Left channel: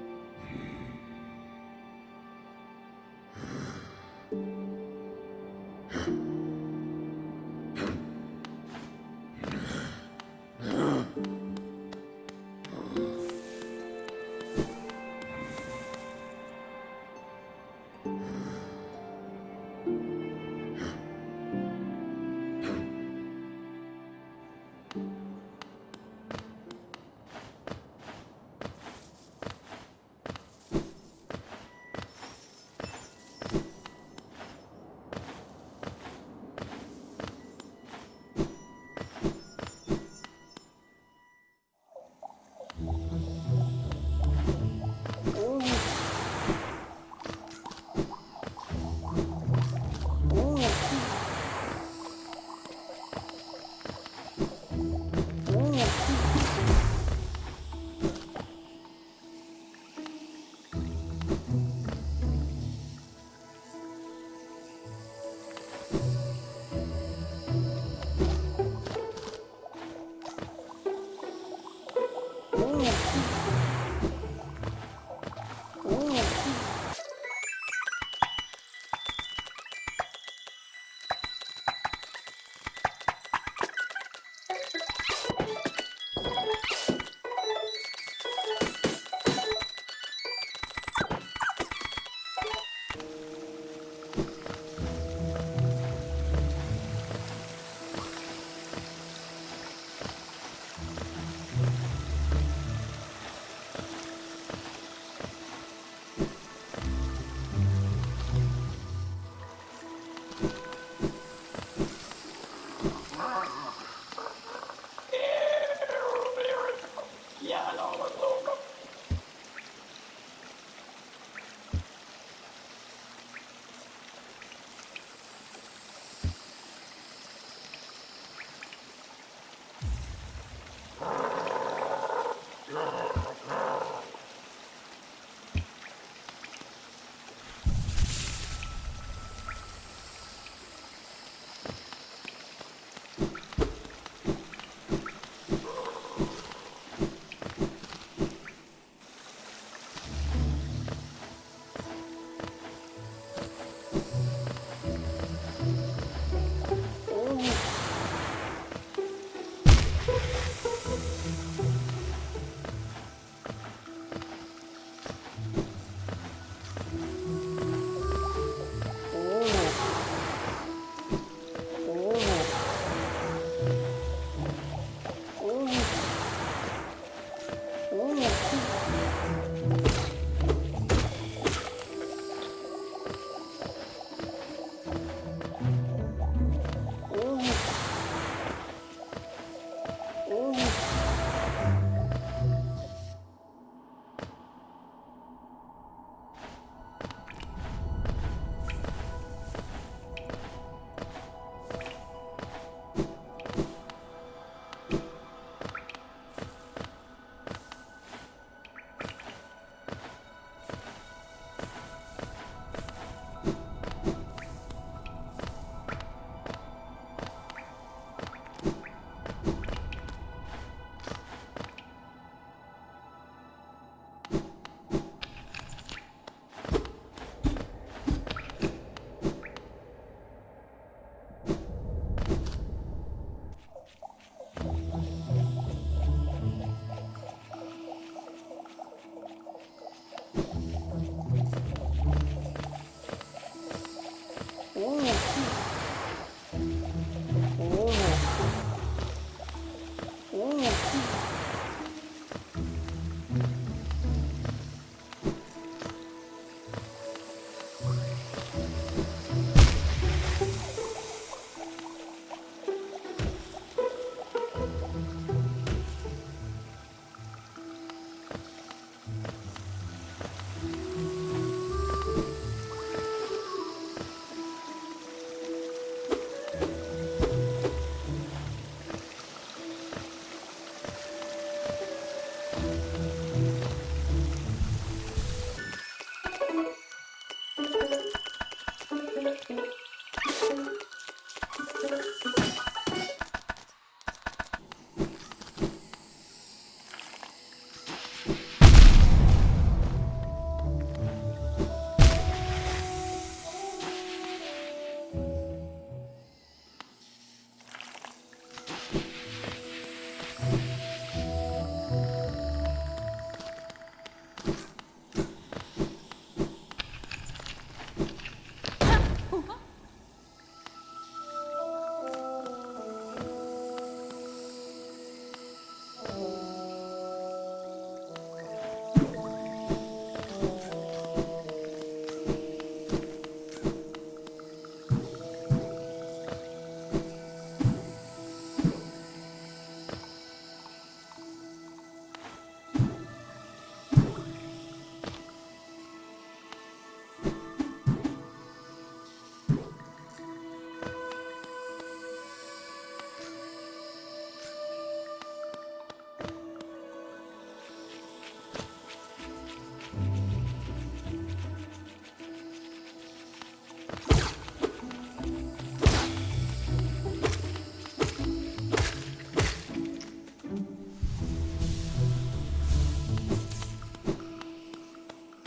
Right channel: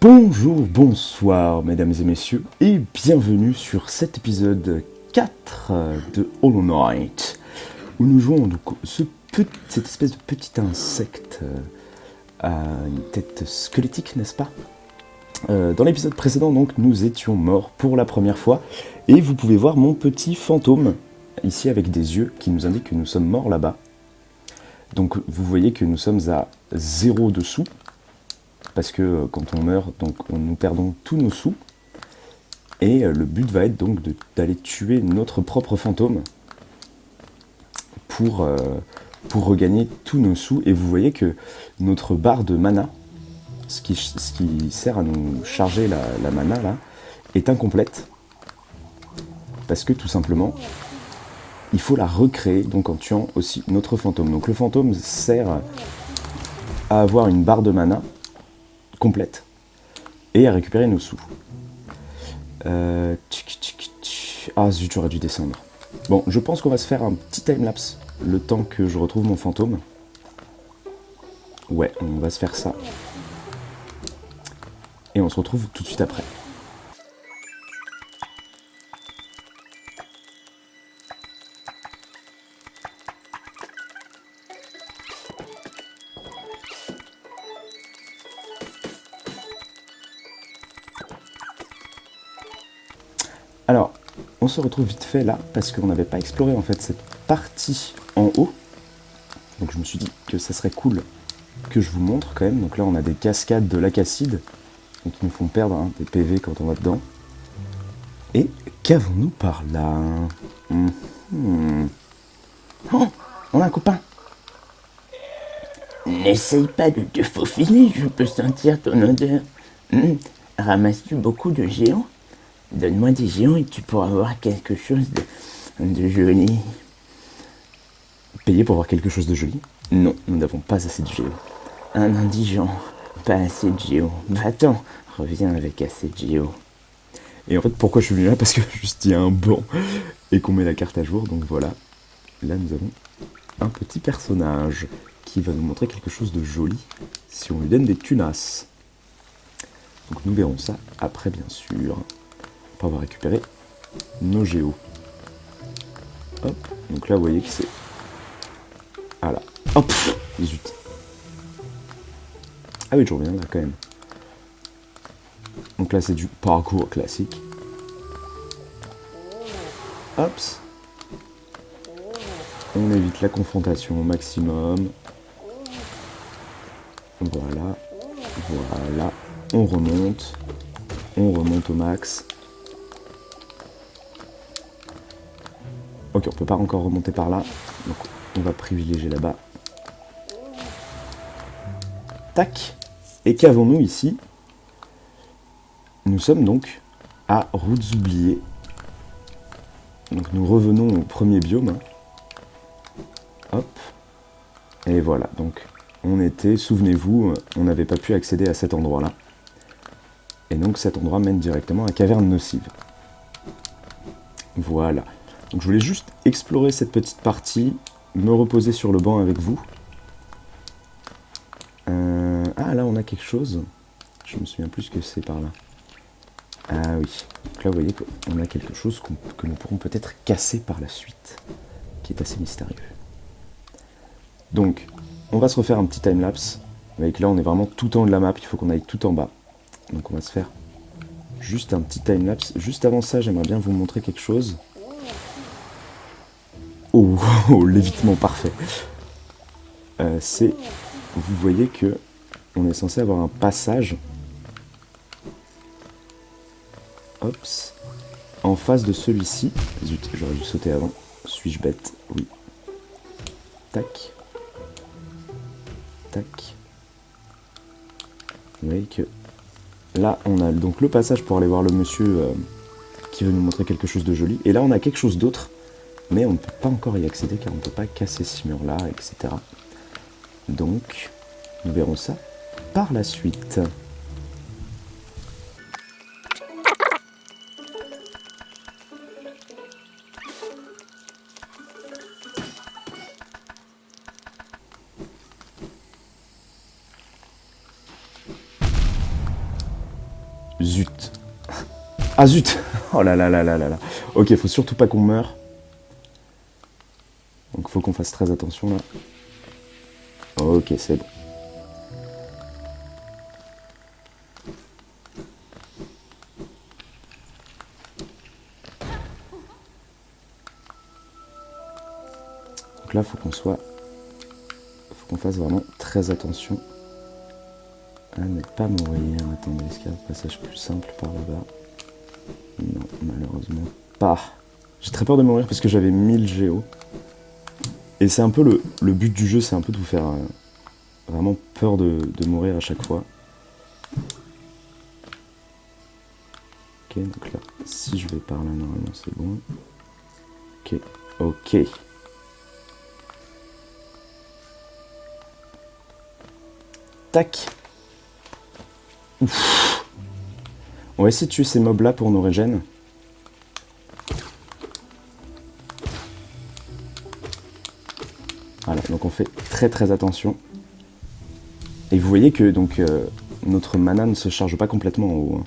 Bonjour, bonsoir mesdames et messieurs et bienvenue sur cet épisode 4 de Hollow Knight où nous jouons donc cette espèce de petit insecte à une tête squelettique, n'est-ce pas? Dans l'épisode précédent donc nous étions morts pour la première fois et vous pouvez voir mon petit fantôme ici avec des yeux qui nous indiquent que nous sommes morts là-bas. Donc vous voyez que nous sommes à 0 de sous. Parce que quand on meurt, donc nous perdons tous nos sous. Et le but va être donc d'aller tuer notre propre fantôme pour regagner tous nos sous. Et vous voyez que notre barre de mana, ce qui sert à nous charger la mana là, est incomplète. Parce que tout simplement, il faut la recréer donc en tuant aussi notre fantôme. Donc le fantôme sert à avoir une barre de mana complète et à récupérer nos sous. Ah zut, j'aurais dû descendre. Bon, je pense qu'on va se faire un petit timelapse le temps que je retrouve mon fantôme. Ouais, on va se faire ça. Et on se retrouve tout de suite après. Alors, on se retrouve vite fait là, parce qu'on n'avait pas exploré en fait cette partie en haut. Donc je me suis dit que ça serait cool que je vous montre quand même. Donc là on a des cascades de l'acacide, donc nous font perdre des PV quand on va dedans. Et qu'avons-nous par là? Oh, on a un copain. N'essaye pas de te faufiler, je peux sentir ton odeur. Ramasses-tu beaucoup de géants? Donne-moi des géants et tu pourras avoir quelque chose de joli. Payer pour avoir quelque chose de joli? Non, nous n'avons pas assez de géants. Un indigent, pas assez de géants. Va-t'en, reviens avec assez de géants. Et en fait, pourquoi je suis venu là? Parce que juste il y a un blanc et qu'on met la carte à jour, donc voilà. Là, nous avons un petit personnage qui va nous montrer quelque chose de joli si on lui donne des tunasses. Donc nous verrons ça après, bien sûr, pour avoir récupéré nos géos. Hop, donc là, vous voyez que c'est... Ah là, hop, 18. Ah oui, je reviens là quand même. Donc là, c'est du parcours classique. Hop. On évite la confrontation au maximum. Voilà. Voilà. On remonte. On remonte au max. Ok, on peut pas encore remonter par là. Donc, on va privilégier là-bas. Tac. Et qu'avons-nous ici? Nous sommes donc à Routes oubliées. Donc nous revenons au premier biome. Hop. Et voilà, donc on était, souvenez-vous, on n'avait pas pu accéder à cet endroit-là. Et donc cet endroit mène directement à Caverne Nocive. Voilà. Donc je voulais juste explorer cette petite partie, me reposer sur le banc avec vous. Ah là on a quelque chose. Je me souviens plus ce que c'est par là. Ah oui. Donc là vous voyez qu'on a quelque chose que nous pourrons peut-être casser par la suite. Qui est assez mystérieux. Donc, on va se refaire un petit timelapse. Avec là, on est vraiment tout en haut de la map, il faut qu'on aille tout en bas. Donc on va se faire juste un petit timelapse. Juste avant ça, j'aimerais bien vous montrer quelque chose. Oh, l'évitement parfait. Vous voyez que on est censé avoir un passage. Hops. En face de celui-ci. J'aurais dû sauter avant. Suis-je bête? Oui. Tac. Tac. Vous voyez que là, on a donc le passage pour aller voir le monsieur qui veut nous montrer quelque chose de joli. Et là, on a quelque chose d'autre, mais on ne peut pas encore y accéder car on ne peut pas casser ce mur-là, etc. Donc, nous verrons ça par la suite. Zut. Ah zut. Oh là là là là là là. Ok, faut surtout pas qu'on meure. Donc faut qu'on fasse très attention là. Ok, c'est bon. Donc là, faut qu'on fasse vraiment très attention à ne pas mourir. Attendez, est-ce qu'il y a un passage plus simple par là? Non, malheureusement pas. J'ai très peur de mourir parce que j'avais 1000 géos. Et c'est un peu le but du jeu, c'est un peu de vous faire vraiment peur de mourir à chaque fois. Ok, donc là, si je vais par là, normalement c'est bon. Ok, ok. Tac. Ouf. On va essayer de tuer ces mobs là pour nos régènes. Voilà, donc on fait très très attention. Et vous voyez que donc notre mana ne se charge pas complètement en haut, hein,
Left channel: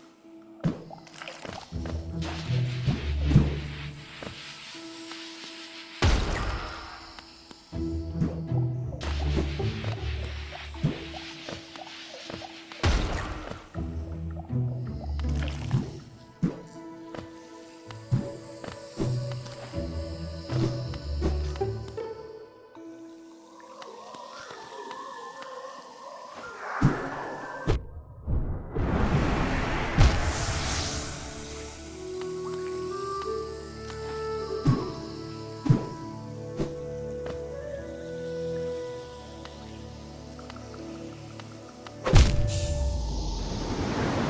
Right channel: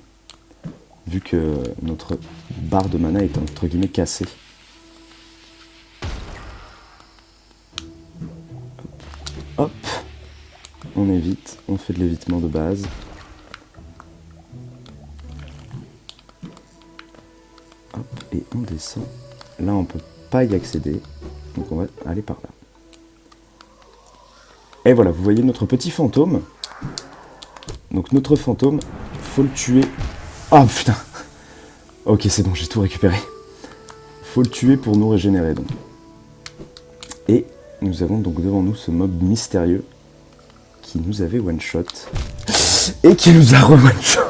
vu que notre barre de mana est entre guillemets cassée. Hop, on évite, on fait de l'évitement de base. Hop, et on descend. Là on peut pas y accéder, donc on va aller par là. Et voilà, vous voyez notre petit fantôme. Donc notre fantôme, faut le tuer. Ah putain. Ok, c'est bon, j'ai tout récupéré. Faut le tuer pour nous régénérer donc. Et nous avons donc devant nous ce mob mystérieux qui nous avait one shot et qui nous a re-one shot.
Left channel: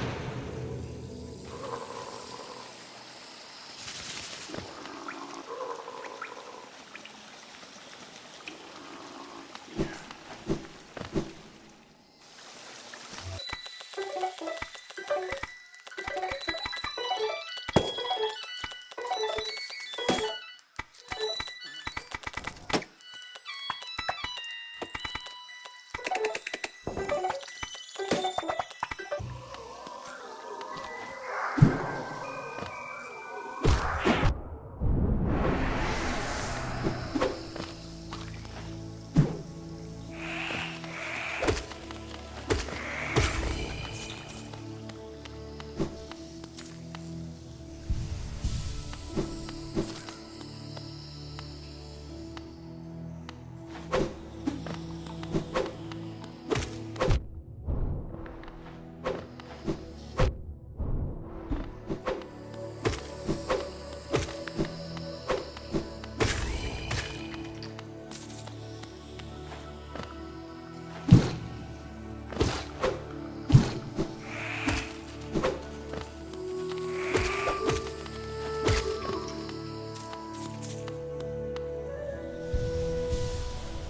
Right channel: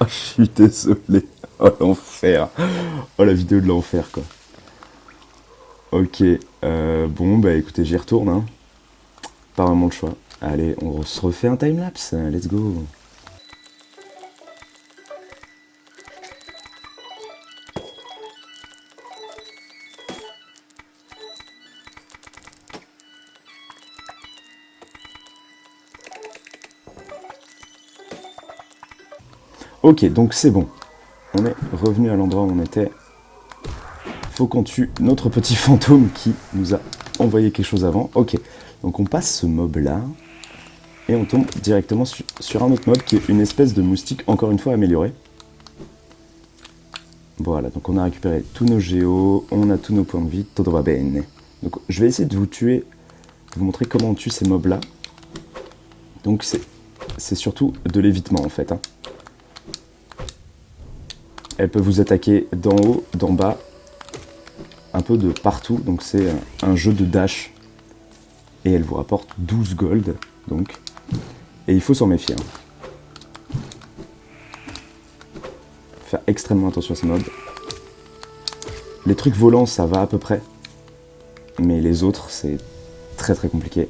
Oh, je suis désolé. Oh l'enfer. Oh la vidéo de l'enfer quoi. Ok, bon bah écoutez, j'y retourne hein. Pas vraiment le choix. Allez, on se refait un timelapse, let's go. Ok, donc c'est bon. On est revenu à l'endroit où on était. Faut qu'on tue notre petit fantôme qui nous a envoyé quelque chose avant. Ok, donc on passe ce mob là. Et on tombe directement sur un autre mob qui est une espèce de moustique, encore une fois amélioré. Voilà, donc on a récupéré tous nos géos, on a tous nos points de vie, todo va bene. Donc je vais essayer de vous tuer, de vous montrer comment on tue ces mobs là. Donc c'est surtout de l'évitement en fait. Hein. Elle peut vous attaquer d'en haut, d'en bas, un peu de partout, donc c'est un jeu de dash. Et elle vous rapporte 12 gold, donc. Et il faut s'en méfier. Hein. Faire extrêmement attention à ces mobs. Les trucs volants, ça va à peu près. Mais les autres, c'est très très compliqué.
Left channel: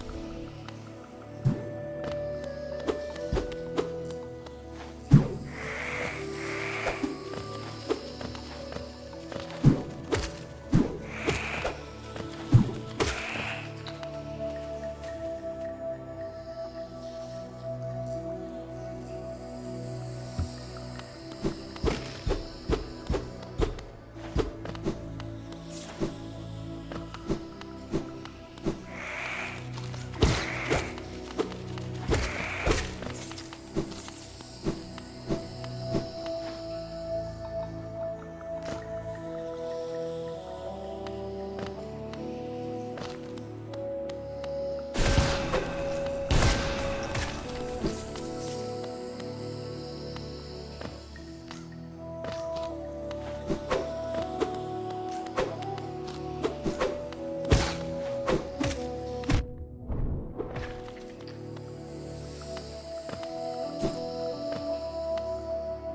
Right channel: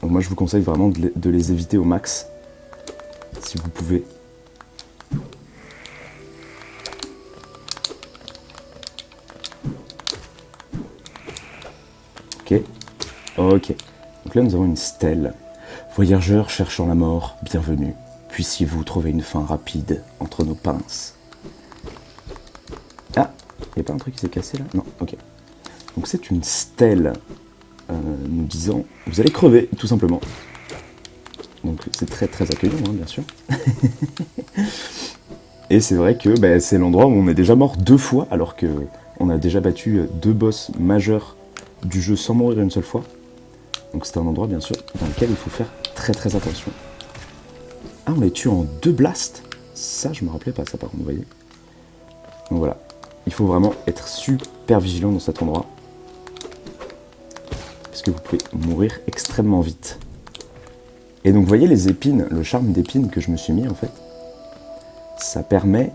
Donc moi, je vous conseille vraiment de les éviter au max. Si vous pouvez. Ok. Ok. Donc là, nous avons une stèle. Voyageurs cherchant la mort, bienvenue. Puissiez-vous trouver une fin rapide entre nos pinces. Ah, il n'y a pas un truc qui s'est cassé là? Non, ok. Donc c'est une stèle nous disant vous allez crever, tout simplement. Donc c'est très très accueillant, hein, bien sûr. Et c'est vrai que bah, c'est l'endroit où on est déjà mort 2 fois, alors qu'on a déjà battu 2 boss majeurs du jeu sans mourir une seule fois. Donc c'est un endroit bien sûr dans lequel il faut faire très très attention. Ah, on les tue en 2 blasts. Ça je me rappelais pas ça par contre, vous voyez. Donc voilà, il faut vraiment être super vigilant dans cet endroit. Parce que vous pouvez mourir extrêmement vite. Et donc vous voyez les épines, le charme d'épines que je me suis mis en fait. Ça permet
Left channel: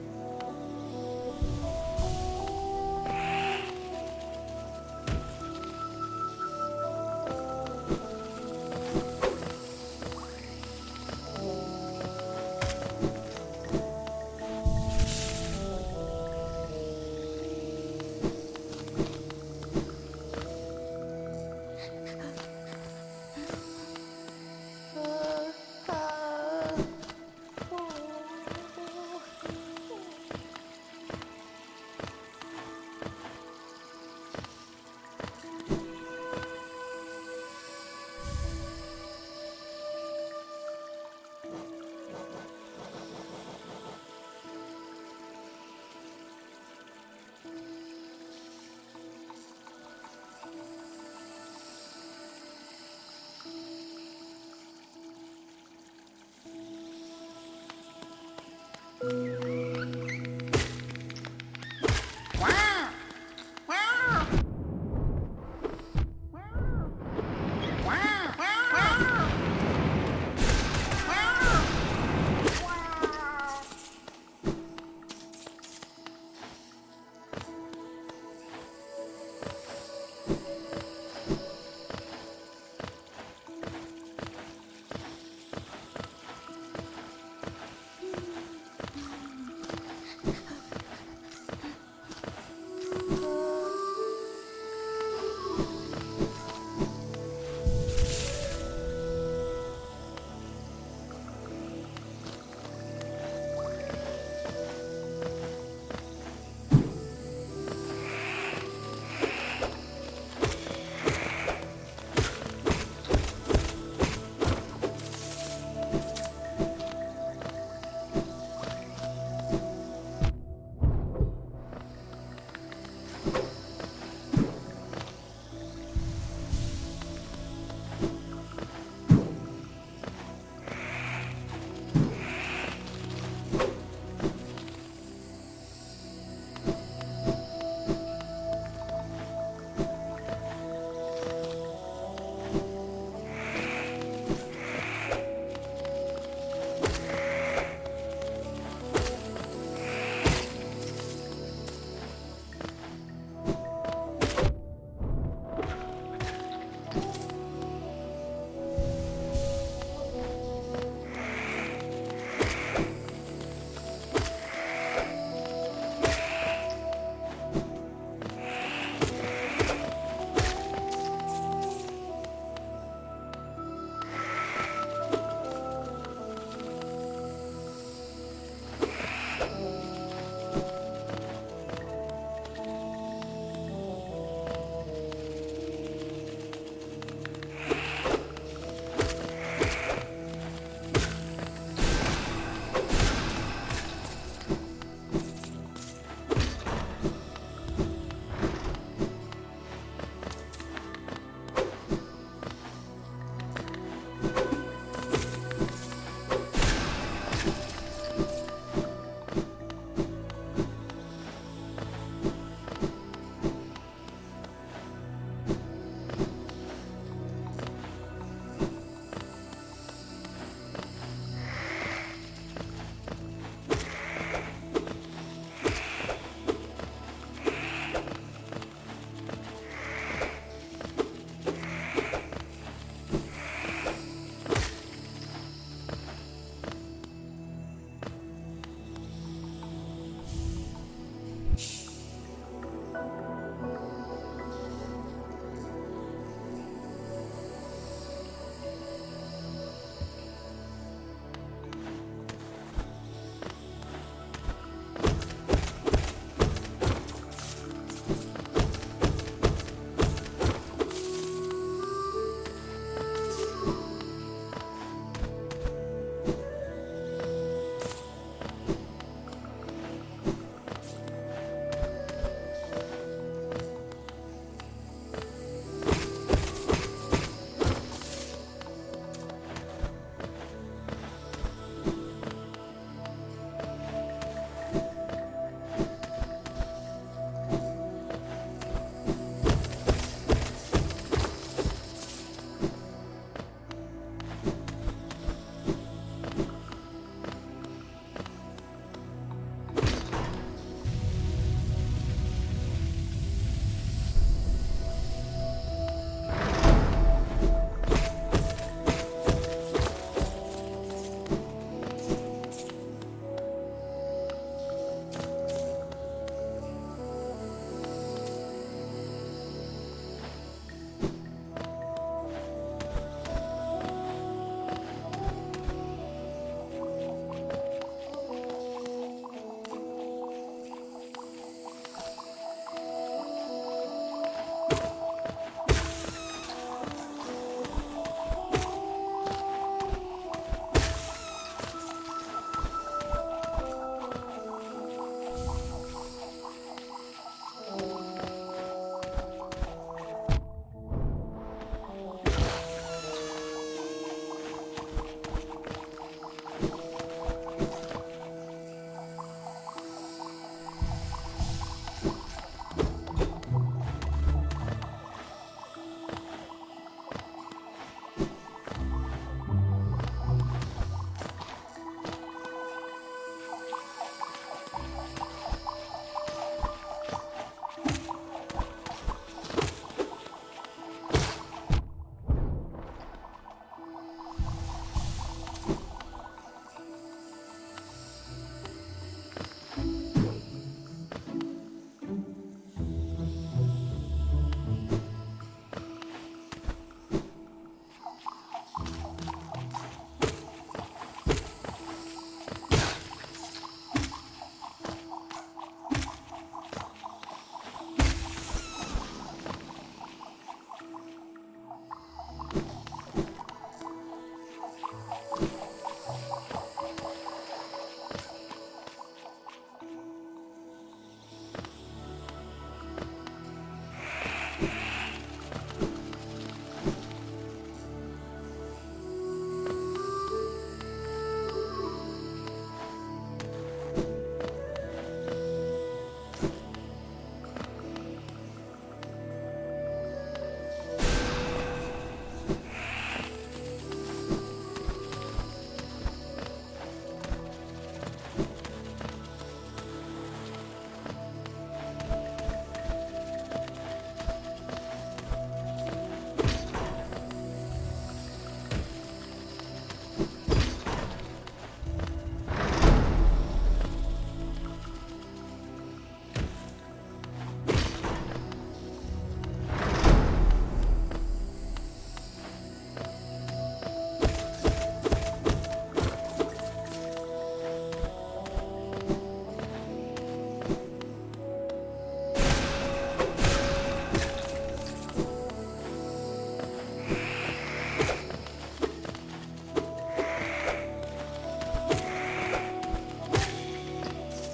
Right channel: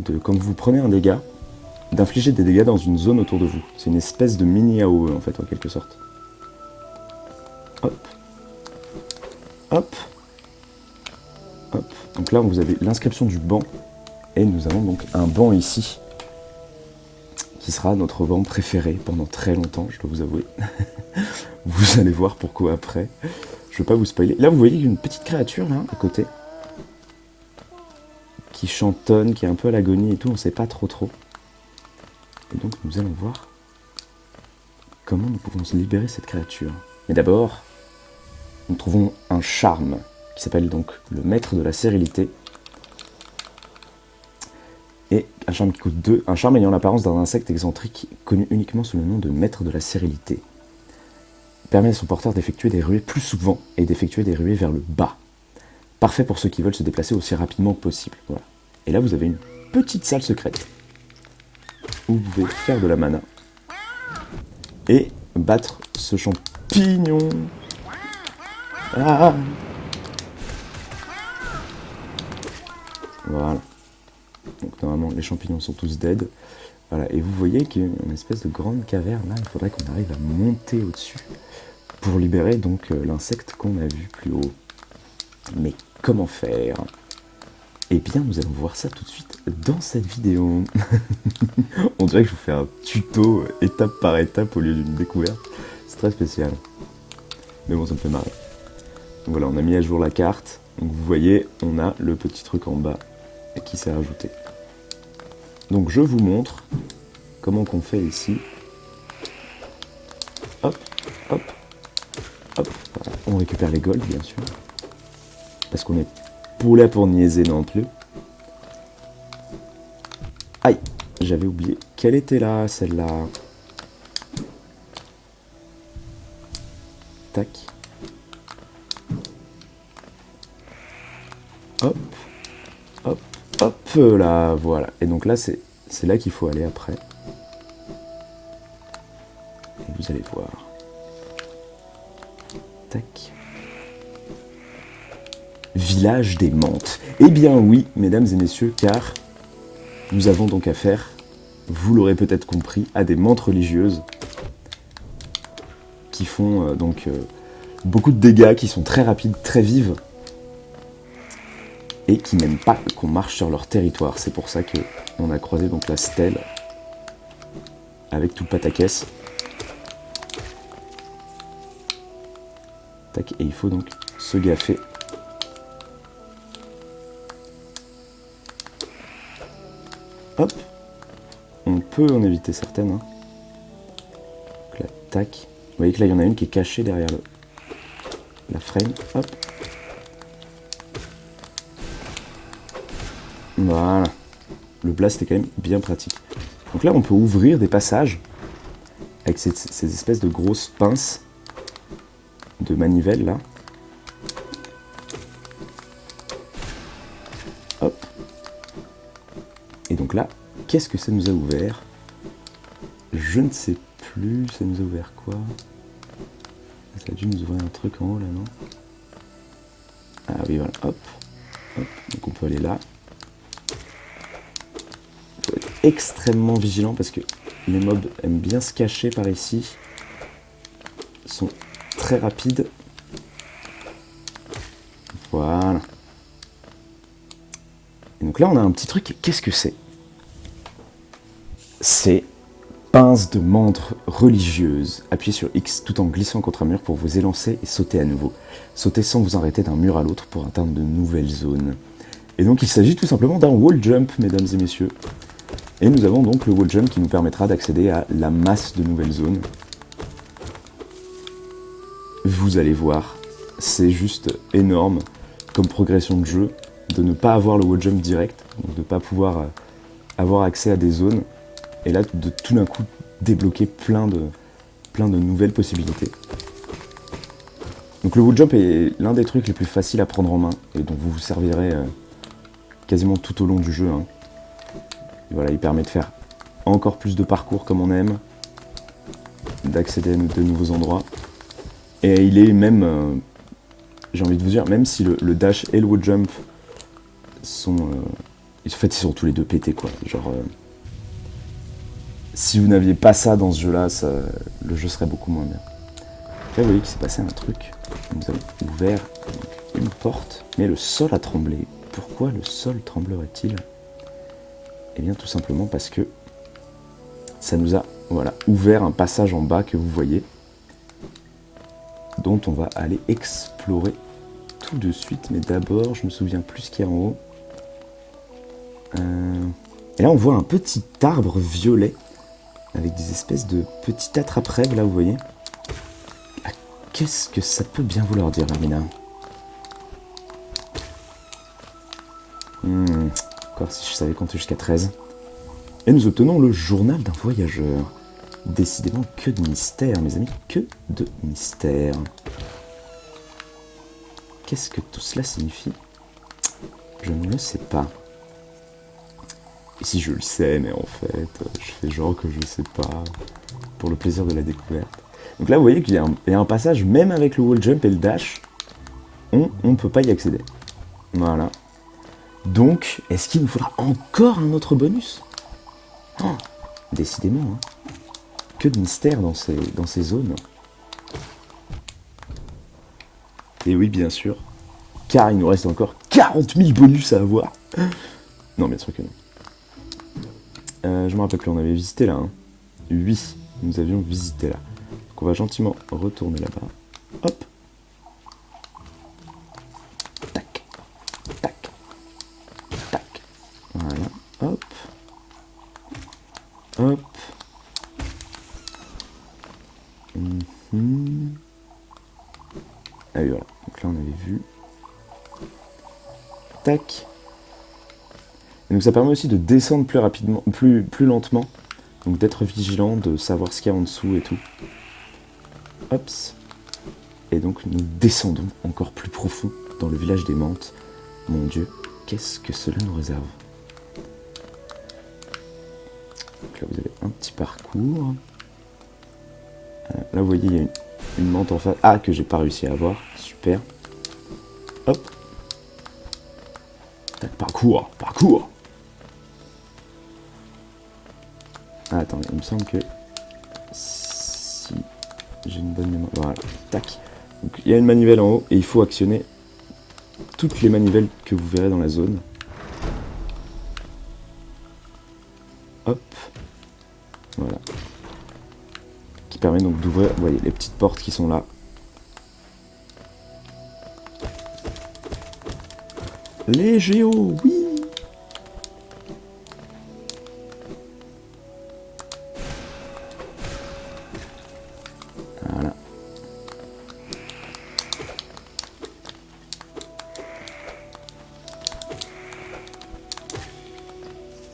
de, quand vous prenez un dégât, d'infliger des dégâts dans une zone autour de vous. C'est une espèce de mini AOE en fait en quelque sorte. Hop. Hop. Hop. Donc là, vous avez l'inscription du banc. Et nous avons donc un banc ici. Qui sera notre banc préféré pendant très longtemps, je dois vous avouer. Vous allez voir pourquoi après. Je ne vais pas vous spoiler. Là, vous voyez une petite créature là, à côté. qui chantonne, qui est un peu à l'agonie et tout, on sait pas trop. Et donc nous allons voir comment nous pouvons se libérer de cette créature. Mais d'abord, nous trouvons un charme qui s'appelle donc le maître de la sérénité. Et un charme qui coûte 2, un charme ayant l'apparence d'un insecte excentrique connu uniquement sous le nom de maître de la sérénité. Il permet à son porteur d'effectuer des ruées plus souvent et d'effectuer des ruées vers le bas. Parfait pour ceux qui veulent se déplacer aussi rapidement que possible. Voilà. Et là vous avez une petite salle secrète où vous pouvez faire de la mana et battre ce champignon. Ah, voilà. Donc normalement les champignons sont tous dead. Voilà. Et vous voyez qu'il y a une espèce de grande caverne là, il faudrait qu'on arrive à monter au-dessus pour libérer donc l'insecte qu'on a vu plus haut. Mais comment faire? Eh bien nous allons voir ça tout de suite dans cette vidéo. On dirait que je vous fais un tuto étape par étape au lieu d'une découverte. C'est très spécial. Mais bon, ça me fait marrer. Donc voilà, on a mis à jour la carte. Donc vous voyez, on a le petit truc en bas qui s'est rajouté. Donc je vous montre comment qu'on fait ici. Hop, hop, hop. On récupère les golds, bien sûr. Parce qu'on est poulet pour niaiser non plus. Aïe, j'avais oublié qu'elle était là, celle-là. Tac. Hop, hop, hop, là, voilà. Et donc là, c'est là qu'il faut aller après. Vous allez voir. Tac. Village des menthes. Eh bien oui, mesdames et messieurs, car nous avons donc affaire, vous l'aurez peut-être compris, à des menthes religieuses qui font beaucoup de dégâts, qui sont très rapides, très vives et qui n'aiment pas qu'on marche sur leur territoire. C'est pour ça qu'on a croisé donc la stèle avec tout pataquès. Tac, et il faut donc se gaffer. Hop, on peut en éviter certaines. Hein. Donc là, tac. Vous voyez que là, il y en a une qui est cachée derrière la frame. Hop. Voilà. Le blast est quand même bien pratique. Donc là, on peut ouvrir des passages avec ces espèces de grosses pinces de manivelle là. Hop. Et donc là, qu'est-ce que ça nous a ouvert? Je ne sais plus, ça nous a ouvert quoi? Ça a dû nous ouvrir un truc en haut là, non? Ah oui, voilà, hop. Donc on peut aller là. Il faut être extrêmement vigilant parce que les mobs aiment bien se cacher par ici. Ils sont très rapides. Voilà. Et donc là, on a un petit truc. Qu'est-ce que c'est? C'est pince de menthe religieuse. Appuyez sur X tout en glissant contre un mur pour vous élancer et sauter à nouveau. Sautez sans vous arrêter d'un mur à l'autre pour atteindre de nouvelles zones. Et donc il s'agit tout simplement d'un wall jump, mesdames et messieurs. Et nous avons donc le wall jump qui nous permettra d'accéder à la masse de nouvelles zones. Vous allez voir, c'est juste énorme comme progression de jeu de ne pas avoir le wall jump direct, de ne pas pouvoir avoir accès à des zones, et là de tout d'un coup débloquer plein de nouvelles possibilités. Donc le wall jump est l'un des trucs les plus faciles à prendre en main et dont vous vous servirez quasiment tout au long du jeu. Hein. Voilà, il permet de faire encore plus de parcours comme on aime, d'accéder à de nouveaux endroits. Et il est même, j'ai envie de vous dire, même si le dash et le wall jump sont... en fait, ils sont tous les deux pétés, quoi. Genre, si vous n'aviez pas ça dans ce jeu-là, le jeu serait beaucoup moins bien. Là, vous voyez qu'il s'est passé un truc. Nous avons ouvert une porte, mais le sol a tremblé. Pourquoi le sol tremblerait-il? Eh bien, tout simplement parce que ça nous a ouvert un passage en bas que vous voyez, dont on va aller explorer tout de suite. Mais d'abord, je me souviens plus ce qu'il y a en haut. Et là, on voit un petit arbre violet avec des espèces de petits attrape-rêves, là, vous voyez. Qu'est-ce que ça peut bien vouloir dire, Alina? Encore si je savais compter jusqu'à 13. Et nous obtenons le journal d'un voyageur. Décidément, que de mystère, mes amis, que de mystère. Qu'est-ce que tout cela signifie? Je ne le sais pas. Et si je le sais, mais en fait, je fais genre que je ne sais pas, pour le plaisir de la découverte. Donc là, vous voyez qu'il y a un passage, même avec le wall jump et le dash, on ne peut pas y accéder. Voilà. Donc, est-ce qu'il nous faudra encore un autre bonus? Oh, décidément, hein. Que de mystère dans ces zones. Et oui, bien sûr, car il nous reste encore 40 000 bonus à avoir. Non, bien sûr que non. Je me rappelle plus, on avait visité là. Hein. Oui, nous avions visité là. Donc on va gentiment retourner là-bas. Hop. Tac. Tac. Tac. Voilà. Hop. Hop. Allez, voilà. Donc là, on avait vu. Tac. Et donc ça permet aussi de descendre plus rapidement, plus lentement. Donc d'être vigilant, de savoir ce qu'il y a en dessous et tout. Hops. Et donc nous descendons encore plus profond dans le village des Mantes. Mon Dieu, qu'est-ce que cela nous réserve? Donc là vous avez un petit parcours. Là vous voyez il y a une menthe en face. Ah, que j'ai pas réussi à avoir. Super. Hop. Parcours. Ah, attendez, il me semble que si j'ai une bonne manivelle, voilà, tac. Donc, il y a une manivelle en haut et il faut actionner toutes les manivelles que vous verrez dans la zone. Hop. Voilà. Qui permet donc d'ouvrir les petites portes qui sont là. Les géos, oui. Voilà.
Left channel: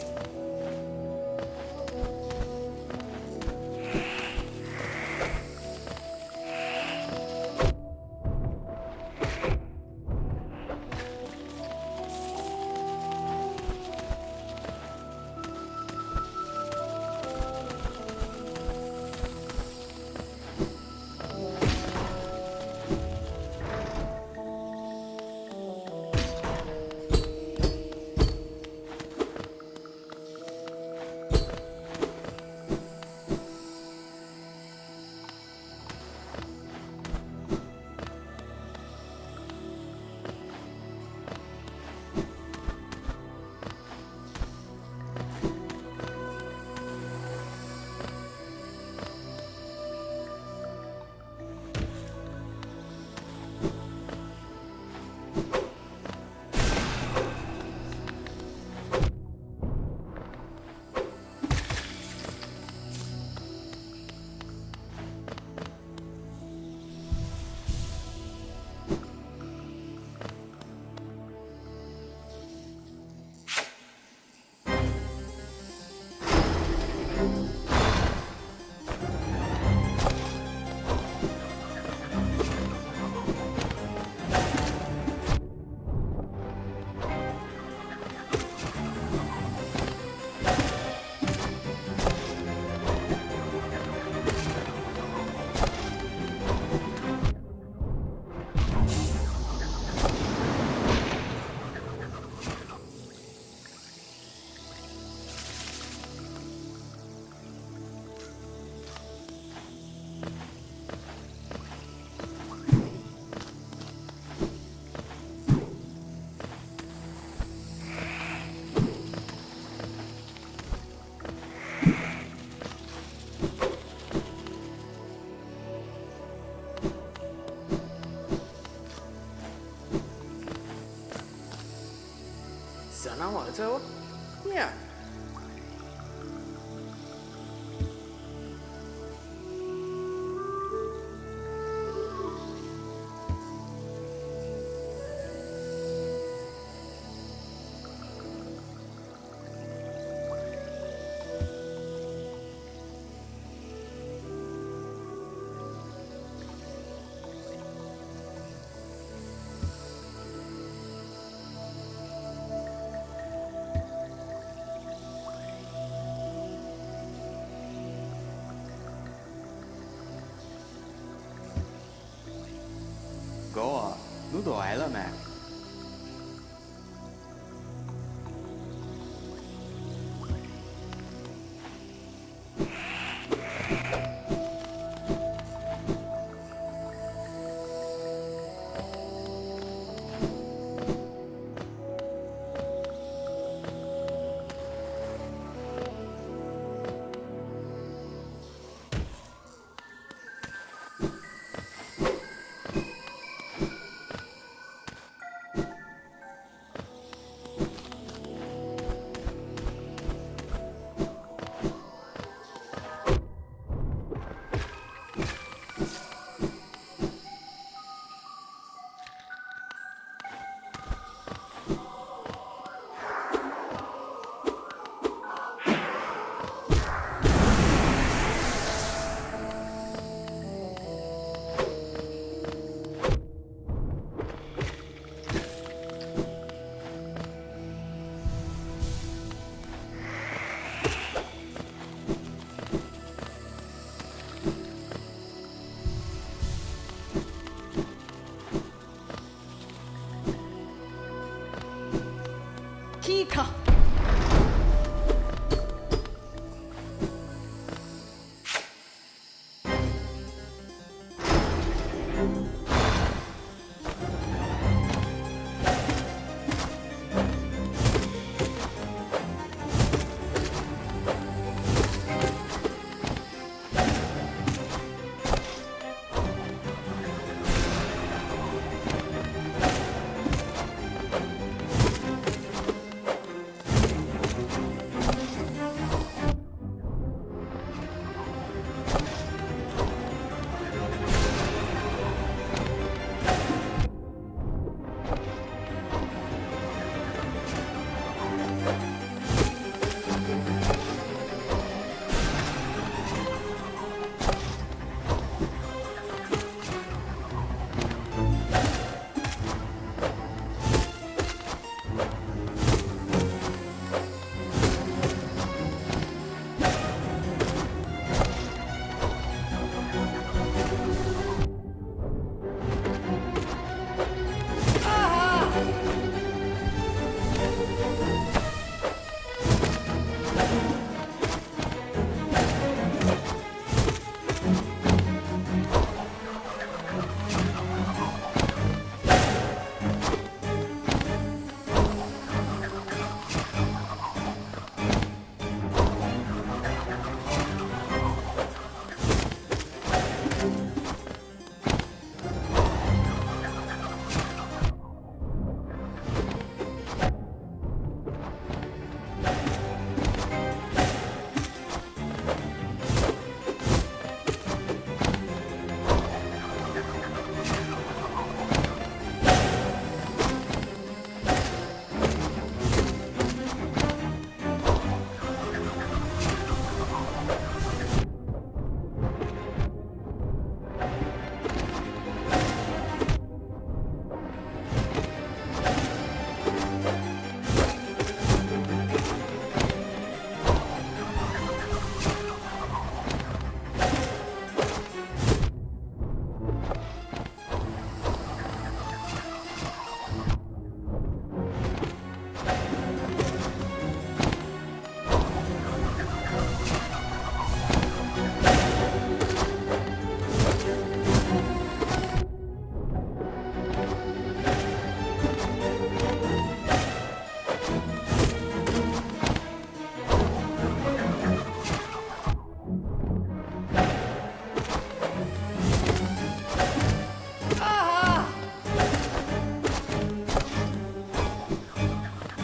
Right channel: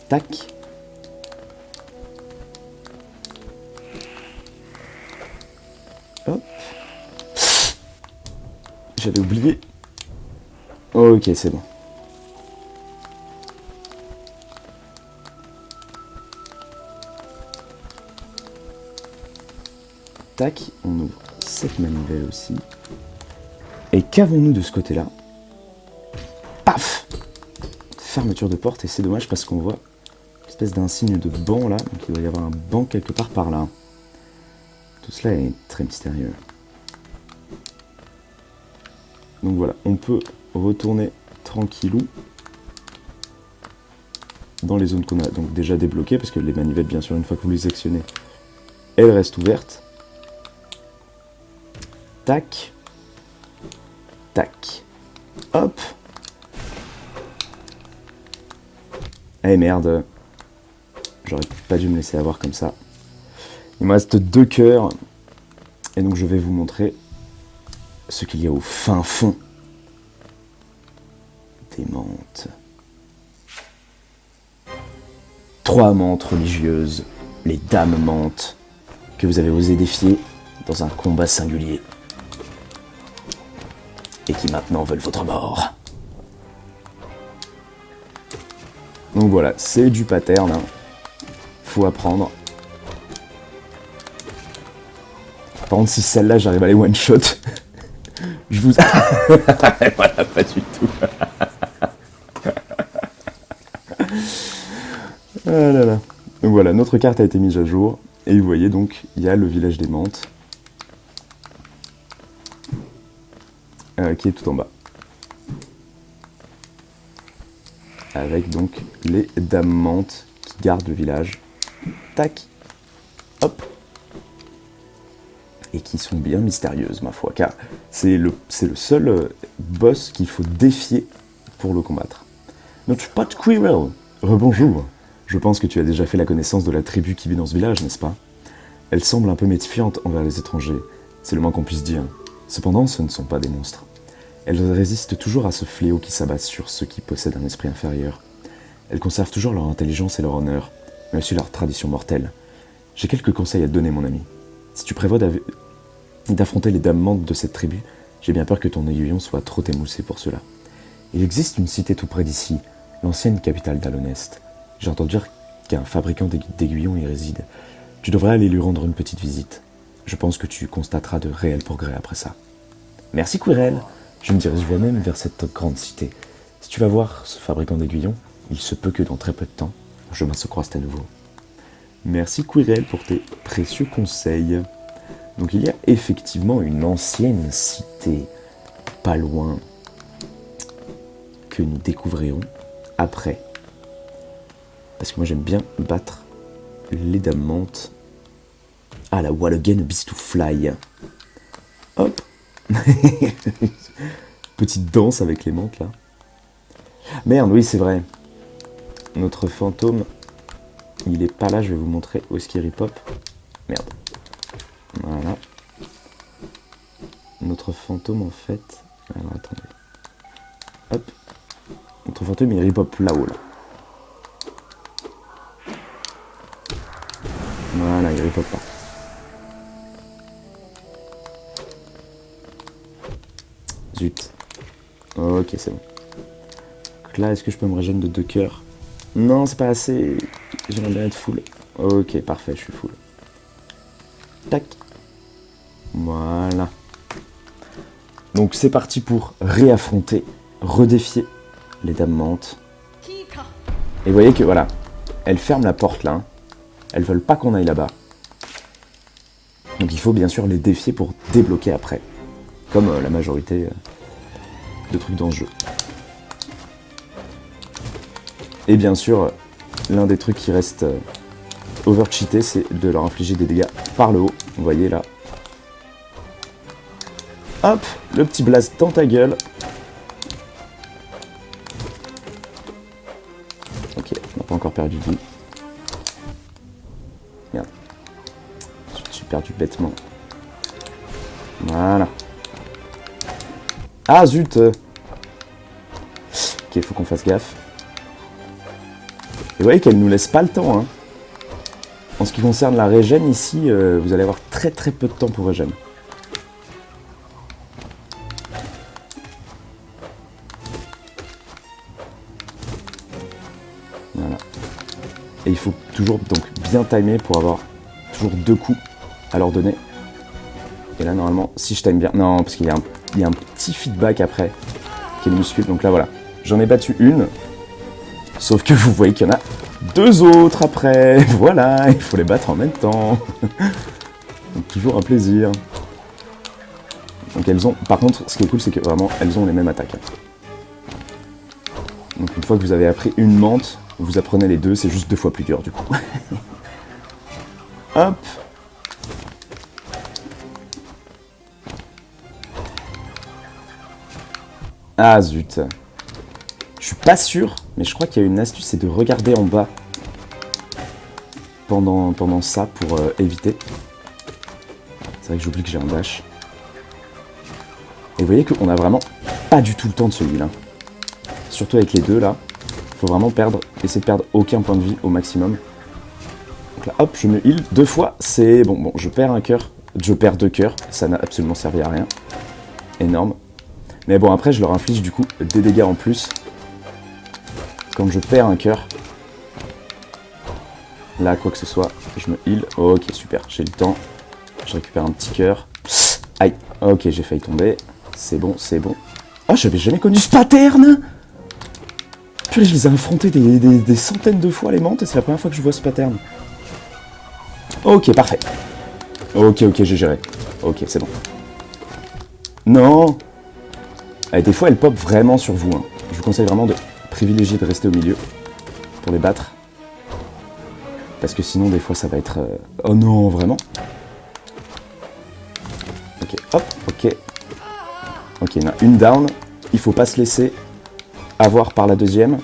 Tac. Hop. J'avais oublié. Ok, c'est bon. Tac, on ouvre cette manivelle aussi. Et qu'avons-nous de ce côté-là? Paf! Fermeture de porte, et c'est dommage parce qu'on voit une espèce d'insigne de banc là, donc il doit y avoir un banc quelque part par là. Tout cela est très mystérieux. Donc voilà, on peut retourner tranquillou dans les zones qu'on a donc déjà débloquées, parce que les manivelles, bien sûr, une fois que vous les sectionnez, elles restent ouvertes. Tac. Tac. Hop. Eh merde. J'aurais pas dû me laisser avoir comme ça. Il me reste 2 cœurs. Et donc je vais vous montrer ce qu'il y a au fin fond des Mantes. 3 Mantes religieuses, les Dames Mantes, que vous avez osé défier dans un combat singulier. Et qui maintenant veulent votre mort. Donc voilà, c'est du pattern. Faut apprendre. Par contre, si celle-là, j'arrive à les one-shot, je vous... Voilà, pas du tout. Ah là là. Donc voilà, notre carte a été mise à jour. Et vous voyez donc, il y a le village des Mantes. Qui est tout en bas. Avec donc les Dames Mantes qui gardent le village. Tac. Hop. Et qui sont bien mystérieuses, ma foi, car c'est le seul boss qu'il faut défier pour le combattre. Notre Pot Squirrel. Rebonjour. Je pense que tu as déjà fait la connaissance de la tribu qui vit dans ce village, n'est-ce pas? Elle semble un peu méfiante envers les étrangers, c'est le moins qu'on puisse dire. Cependant, ce ne sont pas des monstres. Elles résistent toujours à ce fléau qui s'abat sur ceux qui possèdent un esprit inférieur. Elles conservent toujours leur intelligence et leur honneur, mais aussi leur tradition mortelle. J'ai quelques conseils à te donner, mon ami. Si tu prévois d'affronter les dames mantes de cette tribu, j'ai bien peur que ton aiguillon soit trop émoussé pour cela. Il existe une cité tout près d'ici, l'ancienne capitale d'Alonest. J'ai entendu dire qu'un fabricant d'aiguillons y réside. Tu devrais aller lui rendre une petite visite. Je pense que tu constateras de réels progrès après ça. Merci Quirrell. Je me dirigerai même vers cette grande cité. Si tu vas voir ce fabricant d'aiguillons, il se peut que dans très peu de temps, je se croise à nouveau. Merci Quirrell pour tes précieux conseils. Donc il y a effectivement une ancienne cité, pas loin, que nous découvrirons après. Parce que moi j'aime bien battre les dames mantes. Ah, la wall again beast to fly. Hop. Petite danse avec les mantes là. Merde, oui c'est vrai. Notre fantôme, il est pas là, je vais vous montrer où est-ce qu'il ripop. Merde. Voilà. Notre fantôme en fait... Alors attendez. Hop. Notre fantôme il ripop là-haut. Voilà, il ripop là. Zut. Ok, c'est bon. Donc là, est-ce que je peux me régénérer de 2 cœurs? Non, c'est pas assez. J'aimerais bien être full. Ok, parfait, je suis full. Tac. Voilà. Donc c'est parti pour réaffronter, redéfier les dames mantes. Et vous voyez que voilà, elles ferment la porte là. Elles veulent pas qu'on aille là-bas. Donc il faut bien sûr les défier pour débloquer après. Comme la majorité de trucs dans le jeu. Et bien sûr, l'un des trucs qui reste over-cheaté, c'est de leur infliger des dégâts par le haut. Vous voyez là. Hop, le petit blast dans ta gueule. Ok, on n'a pas encore perdu tout. Merde. J'ai perdu bêtement. Voilà. Ah zut. Ok, faut qu'on fasse gaffe. Et vous voyez qu'elle nous laisse pas le temps. Hein. En ce qui concerne la régène ici, vous allez avoir très très peu de temps pour régène. Voilà. Et il faut toujours donc bien timer pour avoir toujours 2 coups à leur donner. Et là normalement, si je time bien... Non, parce qu'il y a un petit feedback après qui nous suit. Donc là voilà, j'en ai battu une. Sauf que vous voyez qu'il y en a 2 autres après. Voilà, il faut les battre en même temps. Toujours un plaisir. Donc elles ont... Par contre, ce qui est cool, c'est que vraiment, elles ont les mêmes attaques. Donc une fois que vous avez appris une mante, vous apprenez les 2, c'est juste 2 fois plus dur du coup. Hop. Ah zut. Je suis pas sûr, mais je crois qu'il y a une astuce, c'est de regarder en bas pendant ça pour éviter. C'est vrai que j'oublie que j'ai un dash. Et vous voyez qu'on a vraiment pas du tout le temps de celui-là. Surtout avec les 2 là. Il faut vraiment essayer de perdre aucun point de vie au maximum. Là, hop, je me heal 2 fois, c'est bon. Bon, je perds un cœur, je perds 2 cœurs, ça n'a absolument servi à rien. Énorme. Mais bon, après, je leur inflige du coup des dégâts en plus. Comme je perds un cœur. Là, quoi que ce soit, je me heal. Ok, super, j'ai le temps. Je récupère un petit cœur. Aïe, ok, j'ai failli tomber. C'est bon, c'est bon. Oh, j'avais jamais connu ce pattern. Purée, je les ai affrontés des centaines de fois, les mantes, et c'est la première fois que je vois ce pattern. Ok, parfait. Ok, j'ai géré. Ok, c'est bon. Non. Allez, des fois, elles pop vraiment sur vous. Hein. Je vous conseille vraiment de privilégier de rester au milieu pour les battre. Parce que sinon, des fois, ça va être... Oh non, vraiment. Ok, hop, ok. Ok, il y en a une down. Il faut pas se laisser avoir par la deuxième.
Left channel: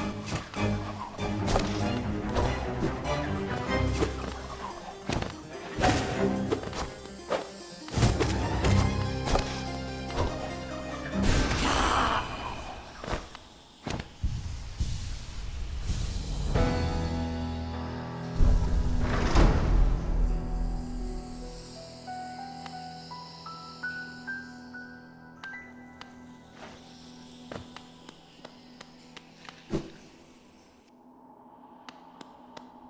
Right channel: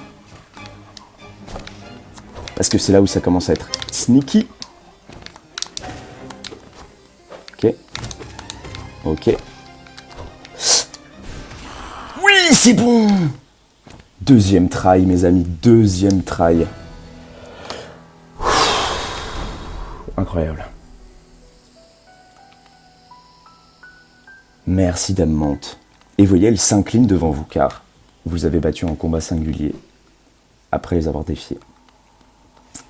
Parce que c'est là où ça commence à être sneaky. Ok. Ok. Oui, c'est bon! Deuxième try, mes amis. Deuxième try. Incroyable. Merci Dame Mante. Et vous voyez, elle s'incline devant vous car vous avez battu en combat singulier après les avoir défiés.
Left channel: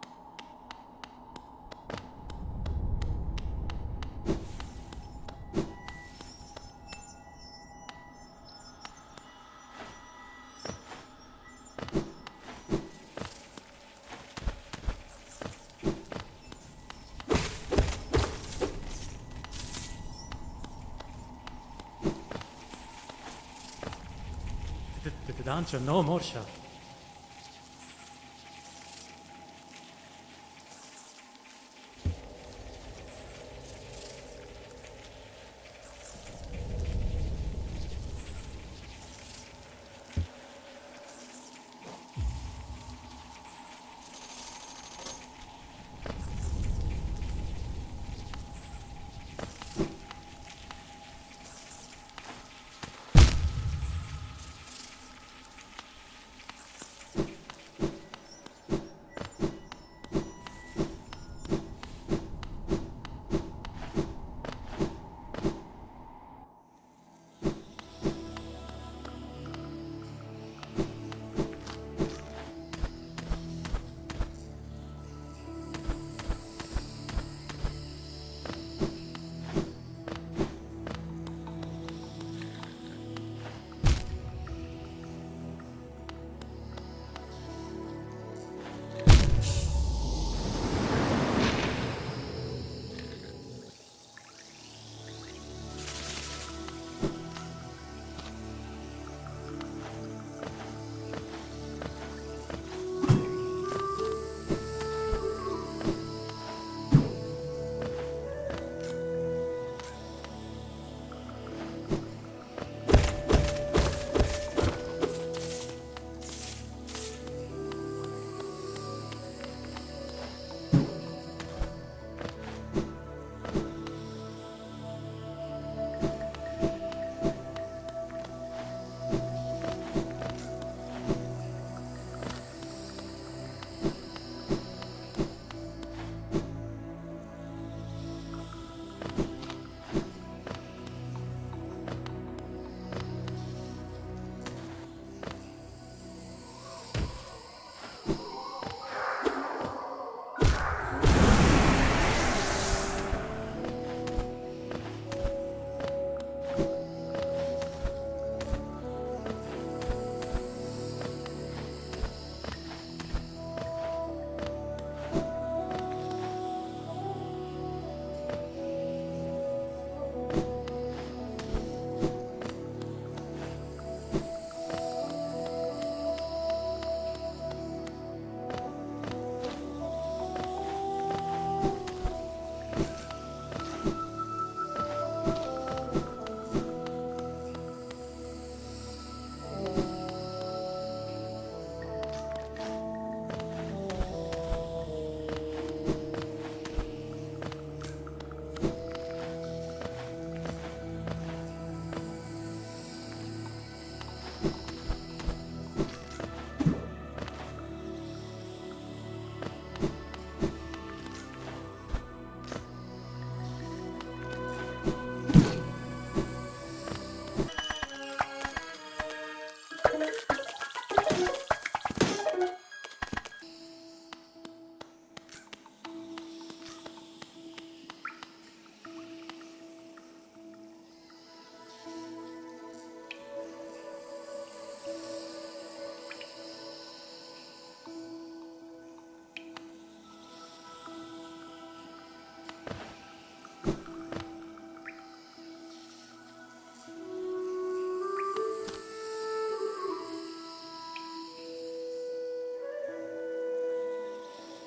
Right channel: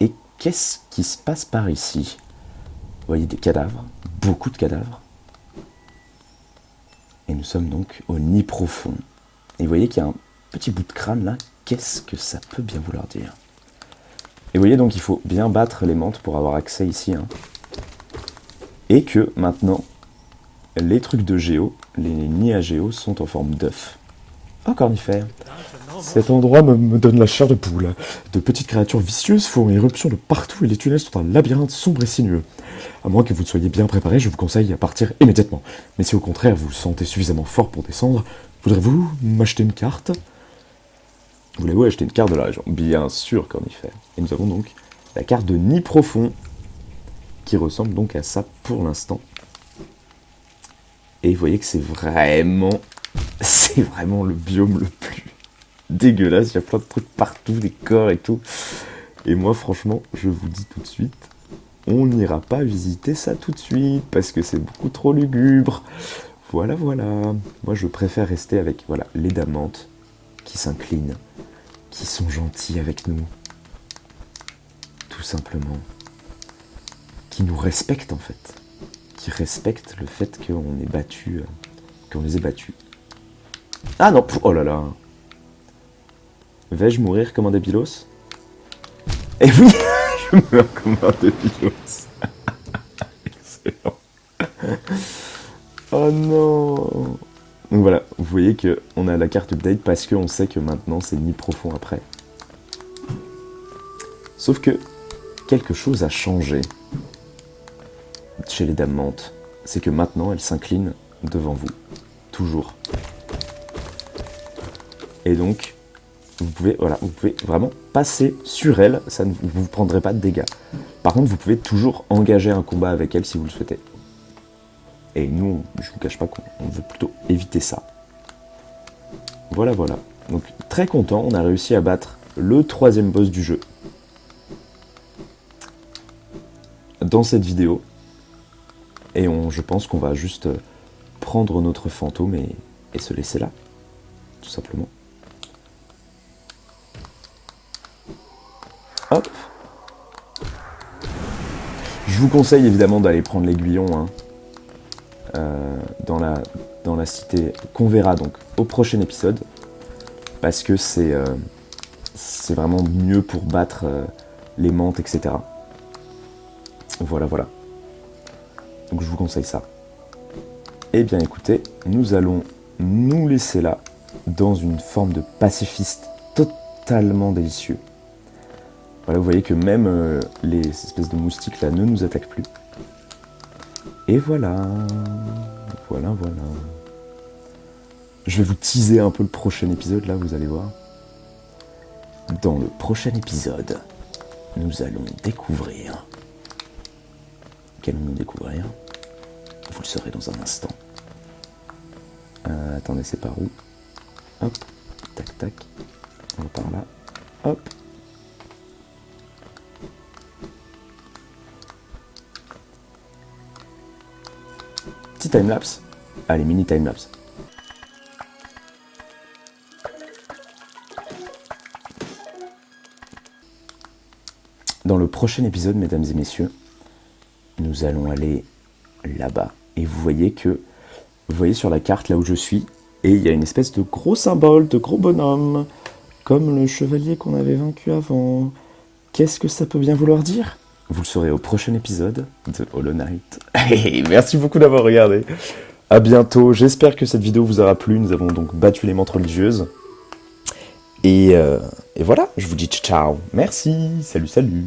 Et qu'est-ce qui se passe par ici? Vous voyez des cadavres, beaucoup de cadavres. Et nous sommes donc au nid profond. Et vous voyez qu'il y a un petit bout de crâne là. Qu'est-ce que ça peut bien vouloir dire? Et vous voyez donc il faut bien battre les mantes pour avoir accès ici. Hein. Et que maintenant, les trucs de géo, les nids à géo sont en forme d'œuf. Un cornifère. Cet endroit me donne la chair de poule. De petites créatures vicieuses font éruption de partout et les tunnels sont un labyrinthe sombre et sinueux. À moins que vous ne soyez bien préparé, je vous conseille à partir immédiatement. Mais si au contraire vous vous sentez suffisamment fort pour descendre, voudrez-vous m'acheter une carte? Voulez-vous acheter une carte de la région? Bien sûr, cornifère. Et nous avons donc la carte de nid profond, qui ressemble donc à ça pour l'instant. Et vous voyez que c'est vraiment le biome le plus dégueulasse. Il y a plein de trucs partout, des corps et tout. Et moi, franchement, je vous dis tout de suite, on n'ira pas visiter ça tout de suite, parce que c'est beaucoup trop lugubre. Voilà, voilà. Moi, je préfère rester avec les Dames Mantes qui s'inclinent, qui sont gentils avec nous. Tout simplement. Qui nous respectent, en fait. Qui respectent le fait qu'on est battu, qu'on les ait battus. Ah non, oh là là. Vais-je mourir comme un débilos? Eh oui, je meurs comme un débilos. Excellent. Oh non. Donc voilà, vous voyez qu'on a la carte update parce qu'on sait que maintenant c'est nid profond après. Sauf que quelque chose a changé chez les Dames Mantes. C'est que maintenant elles s'inclinent devant vous. Toujours. Et donc, vous pouvez vraiment passer sur elles, ça ne vous prendrez pas de dégâts. Par contre, vous pouvez toujours engager un combat avec elles si vous le souhaitez. Et nous, je ne vous cache pas qu'on veut plutôt éviter ça. Voilà, voilà. Donc, très content, on a réussi à battre le 3e boss du jeu. Dans cette vidéo. Et je pense qu'on va juste prendre notre fantôme et se laisser là. Tout simplement. Hop. Je vous conseille évidemment d'aller prendre l'aiguillon dans la cité qu'on verra donc au prochain épisode. Parce que c'est vraiment mieux pour battre les mantes, etc. Voilà, voilà. Donc je vous conseille ça. Eh bien écoutez, nous allons nous laisser là, dans une forme de pacifiste totalement délicieux. Voilà, vous voyez que même les espèces de moustiques là ne nous attaquent plus. Et voilà. Voilà, voilà. Je vais vous teaser un peu le prochain épisode là, vous allez voir. Dans le prochain épisode, nous allons découvrir... Qu'allons-nous découvrir? Vous le saurez dans un instant. Attendez, c'est par où? Hop, tac, tac. On va par là. Hop. Petit timelapse. Allez, mini timelapse. Dans le prochain épisode, mesdames et messieurs, nous allons aller là-bas. Et vous voyez sur la carte là où je suis, et il y a une espèce de gros symbole, de gros bonhomme, comme le chevalier qu'on avait vaincu avant. Qu'est-ce que ça peut bien vouloir dire? Vous le saurez au prochain épisode de Hollow Knight. Merci beaucoup d'avoir regardé. À bientôt. J'espère que cette vidéo vous aura plu. Nous avons donc battu les mantes religieuses. Et voilà, je vous dis ciao. Merci. Salut, salut.